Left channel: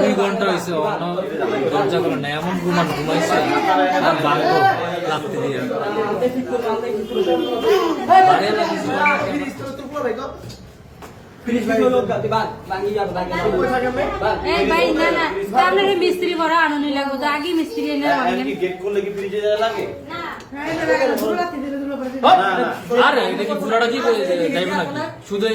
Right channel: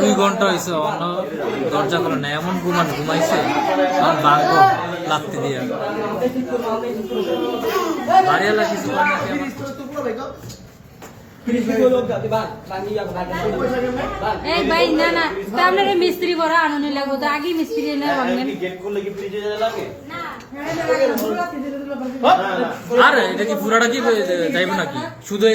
দুই ঘন্টা হয়েছে দরজা করে না এমন ঘুমাইছে আর বাঘ লাফতে দিয়ে মিস্ত্রি করা আনন্দ লাগবে তো আগে মিস্ত্রি আরে এটা কি পুরাটা কি যাইব নাকি শুধু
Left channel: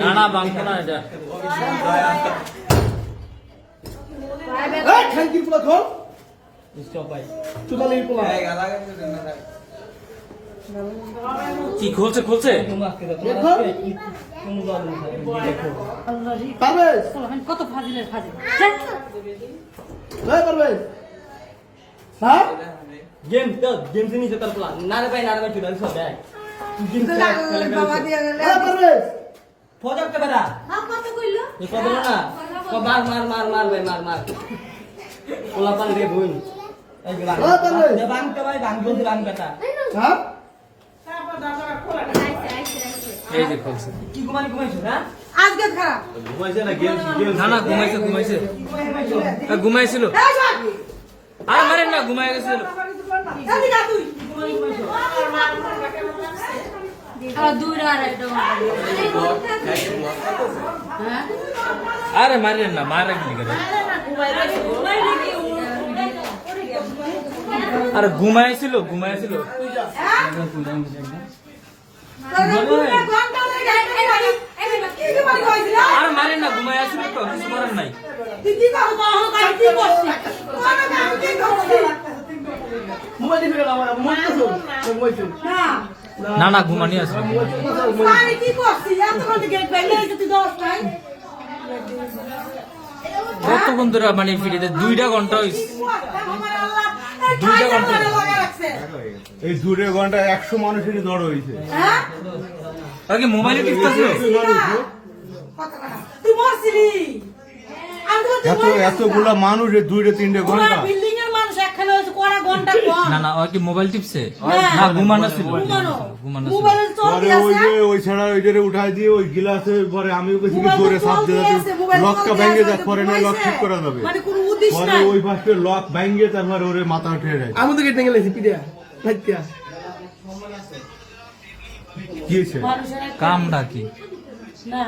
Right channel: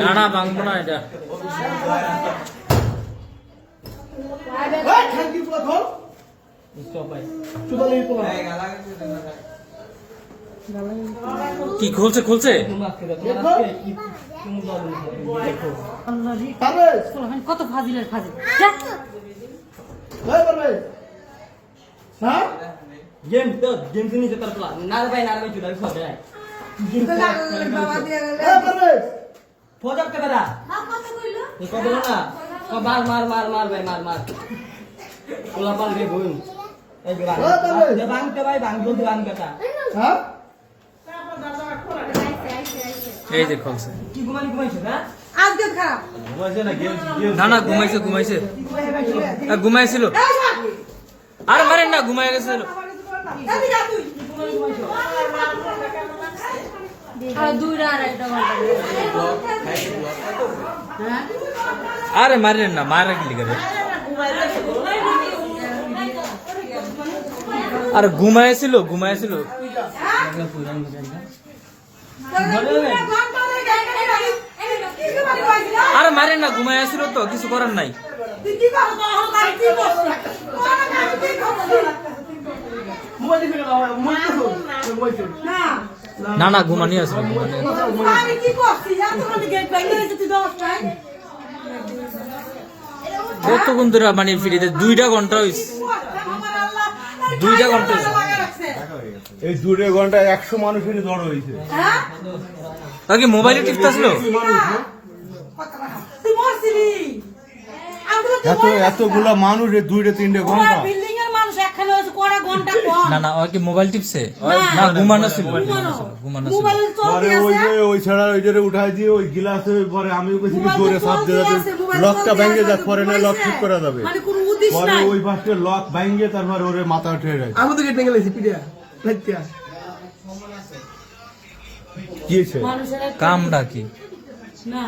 না না বাংলা না এটা কি খুলছে খুলছে কত ফাজিলের ফাজিল गेम तो गेम से नीचे तरफ नारे भाई चुदार सो गया फोजक के बड़ा ये को बोलो ना को मार मार मार मार भाई मार मार उलापन रे बुन एक बार ये बांग के भाई बांग जो बांग बेटा हां এই যে খুলছে কি ঘুমাইছো না আজকে খা ঘুমাইছে না গেম না না ঘুমাইছে ঘুমাইছিল আরে মরেন না ঘুমায় গেছিল আরে মারেন না মারেন আর ঘুমাইছিল আরে মারেন না ঘুমাইছিল তো কিছু করার নাই না না ঘুমানি আছে কতক্ষণ ধরে মানে ফিরিতে 2 ঘন্টা হয়েছে 2 ঘন্টা এই 2 ঘন্টা 100 মানুষের জ্বর হয়েছে কি মোবাইলে টিপতাছ এতগুলা মানুষ 2-3 ঘন্টা না না ওই কি মোবাইল টিপছে না ঘুমানো ছিল পরে ওই ছাড়া ওইটারে উঠাই দিয়ে ওই গিলাসে পরে আমি ওকে জোরে চাপ দিয়ে লকটা ভেঙে যায় পরে না লক ঠিক করা যাবে পরে ওই পাশে লক ভেঙে তারপরে ওরে মাথা উঠে যায় আমি তো গেট ভেঙে লাইছি পিডিয়া লাইতিয়া কি হয়েছে কামটা কি না